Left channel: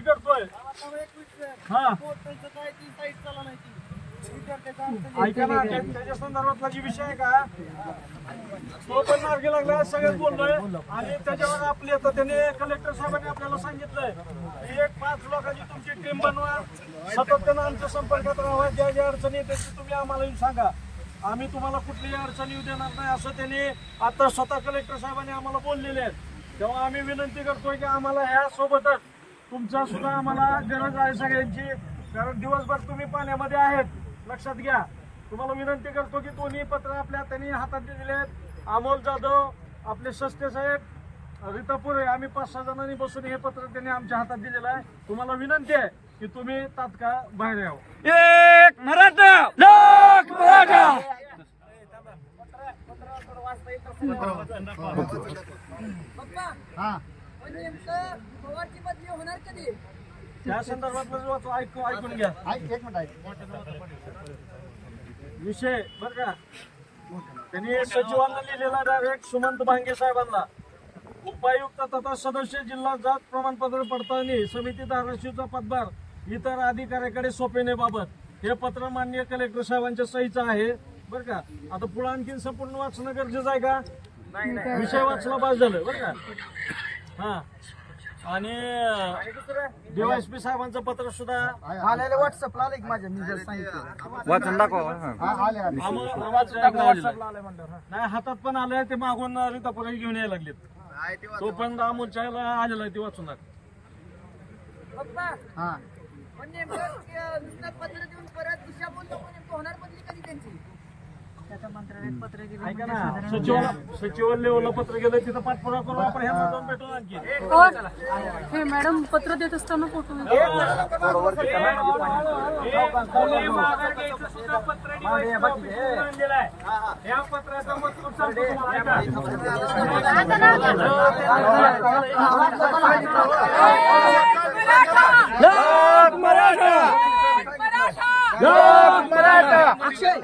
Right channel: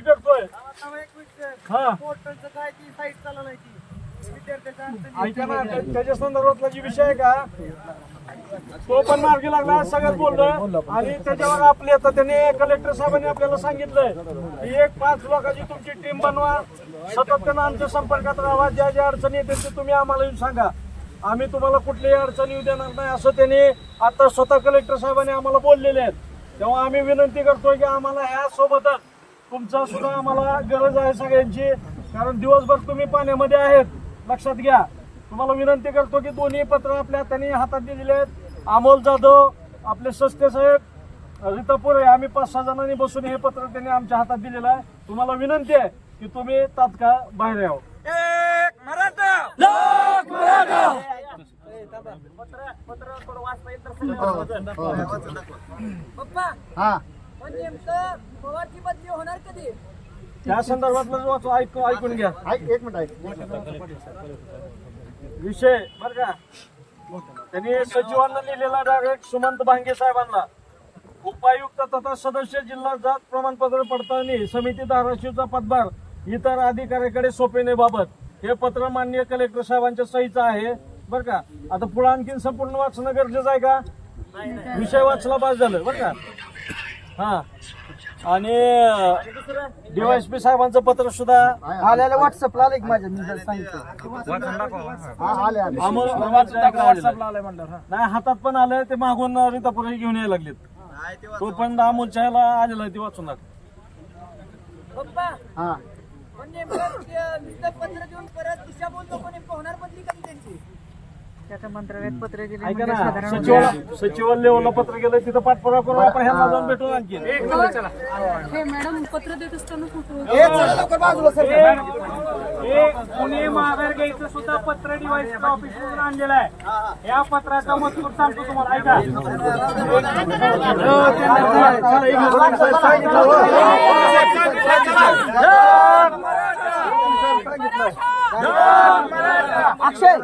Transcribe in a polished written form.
करतोय त्याच्या संदर्भातला जी विषय आहे का तो पण मार्गी लागला सगळ्यात बोललोय आणि त्याच्यावर आपले आता त्यांनी कलेक्टर साहेबांनी आपल्याला सांगितलंय की 5 लोकांची तुमची टीम बनवा, सातत्यानं आमच्या संपर्कात राहा, ज्या ज्या अडचणी येते ते तुम्ही आम्हाला येऊन सांगा, आम्ही तुम्हाला कुठलीही अडचणी येऊ देणार नाही असं त्यांनी आता स्वतः कलेक्टर साहेबांनी आम्हाला बोललेले आहेत। तेव्हा आम्ही विनंती करतोय की आम्हाला ह्या सोबतच तुमचा सुद्धा आम्हाला गरज आहे सगळ्यांची, कारण दिवसभर तुम्ही पाण्यामध्ये आहेत, लक्षात घ्या। तुम्हाला विनंती करतो की दोन्ही पत्र आपल्या त्यांनी हातात दिलेले आहेत। अमोल जाधव, आपले सस्ते साहेब, रीतापुरे, आम्ही 5-6 जणांनी बसून हे पत्र त्यांनी आमच्या हातात दिलेलं आहे। तुम्हाला विनंती आहे की तुम्ही तात्काळ बाहेर यावं। एक मराठा लोक मराठा पत्र थोडं वाचता येईल तर पप्पा पण नेमकं पवारची बदली होणार कधी त्या संदर्भातलं ऐकून घ्या। एक मिनिट विषय बर का त्यांनी सचिवांना लिहिलेला डायरेक्ट सुमंत भांगे साहेबांना, उपायुक्त तथा सदस्य जिल्हा जात प्रमाणपत्र पडताळणी समिती धाराशिवचा पदभार इतर अधिकाऱ्याकडे सोपविण्याबाबत हे पत्र माननीय कलेक्टर साहेबांच्या सहीचं आहे बर का। आता पुढे आणखीन संपूर्ण वाचणं गरजेचं आहे का? विषय वाचला बस झालं बर का। हा आणि डीवायएसपी साहेबांचं पत्र सुद्धा आलेलं व्हॉट्सअपला आलं माझ्या, मी सांगितलं नाही हातात पण आलंय, ते मागून रीतापुरे घेऊन यायला लागलेत, तो पण अमोलच्या ह्याला आलेला आहे, ते वाचून पप्पा पण नेमकं नुसतं पत्र देऊन परत दिशाभूल लोक नेमकं होणार बदली कधी त्यांची? त्याच्या मंत्रालयात पत्र गेले, ऐका ना, सचिव लेवलला पत्र गेलं, तिथं पाठपुरावा करून आपण ह्यांना जाऊन भेटून आणखी हे मॅडम पत्र देत असताना माघार घ्यायचं सुद्धा पत्र डीवायएसपी ऑफिसवरून आणलेलं आहे। या पत्राचा मजकूर सांगतो तुम्हाला, ऐका। अक्षय